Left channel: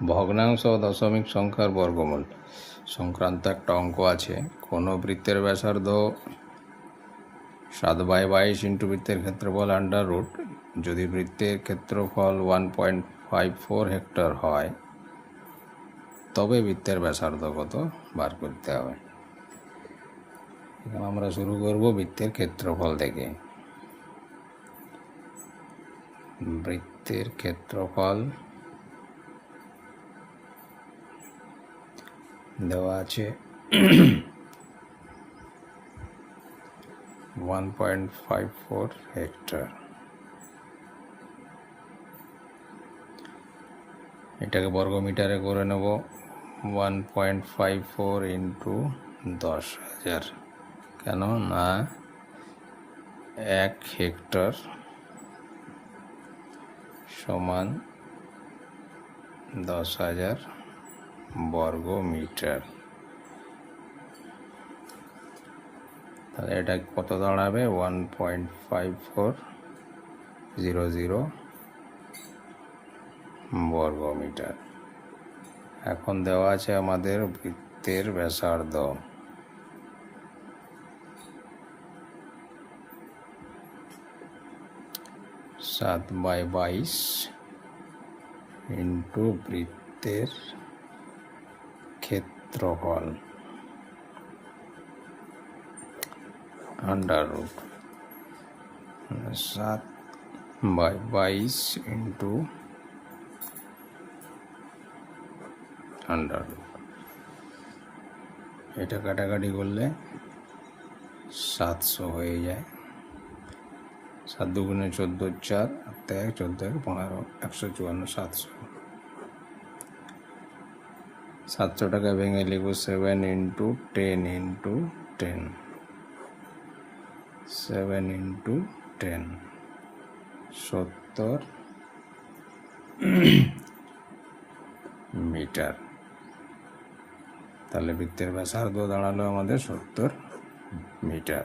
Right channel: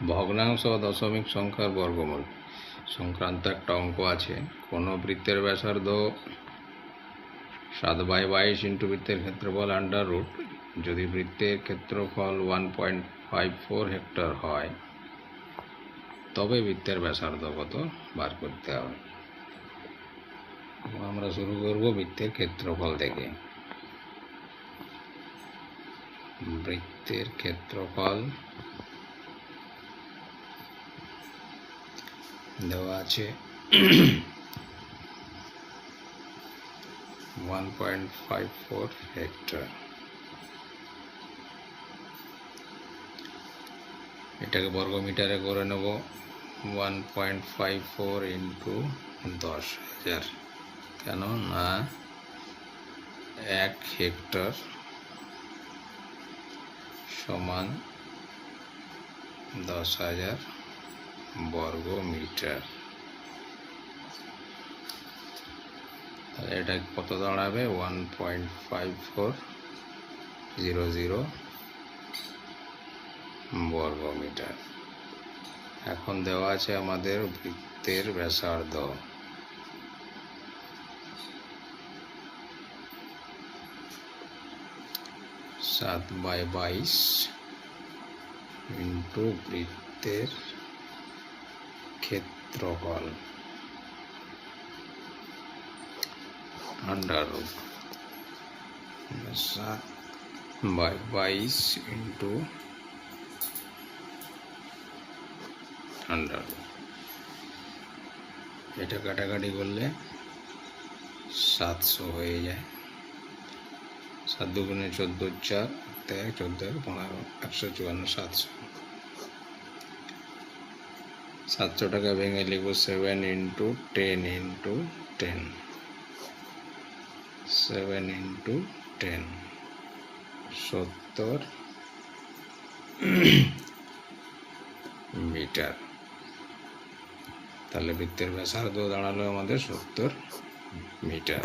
ভগ্নাংশ ও দশমিক সংখ্যার বর্গমূল সংক্রান্ত একটা অঙ্ক আছে। কোনো বৃত্তের ব্যাসার্ধ 7/22 ইন্টু বৃত্তের ক্ষেত্রফল আন্ডার রুট, যদি বৃত্তের ক্ষেত্রফল 1.54 হেক্টর হয় তবে বৃত্তের ব্যাসার্ধ কত বার করতে হবে। এখন আমরা শুরু করব বৃত্তের ক্ষেত্রফল থেকে। বৃত্তের ক্ষেত্রফল দেওয়া আছে 1.54 হেক্টর। এটাকে বর্গমিটারে করে নেব। 1.54 ইন্টু 10,000, কেন না 1 হেক্টর সমান 10,000 বর্গ মিটার। তাহলে এটা কত দাঁড়াবে? 1.5400 বর্গ মিটার। এখন দেওয়া আছে আমাদের বৃত্তের ব্যাসার্ধ। সাত বাই 22 ইন্টু বৃত্তের ক্ষেত্রফল under root 7/22 into under root. এটা কাটাকাটি করলে 700 হয়ে যায়। 7 দুগুণে 14, 4 14 15 154, 700 টাকা ভেঙে লিখব 7 ইন্টু 10 ইন্টু 10, 7 ইন্টু 10 70 মিটার। তাহলে বৃত্তের ব্যাসার্ধ দাঁড়ালো আমাদের 70 মিটার।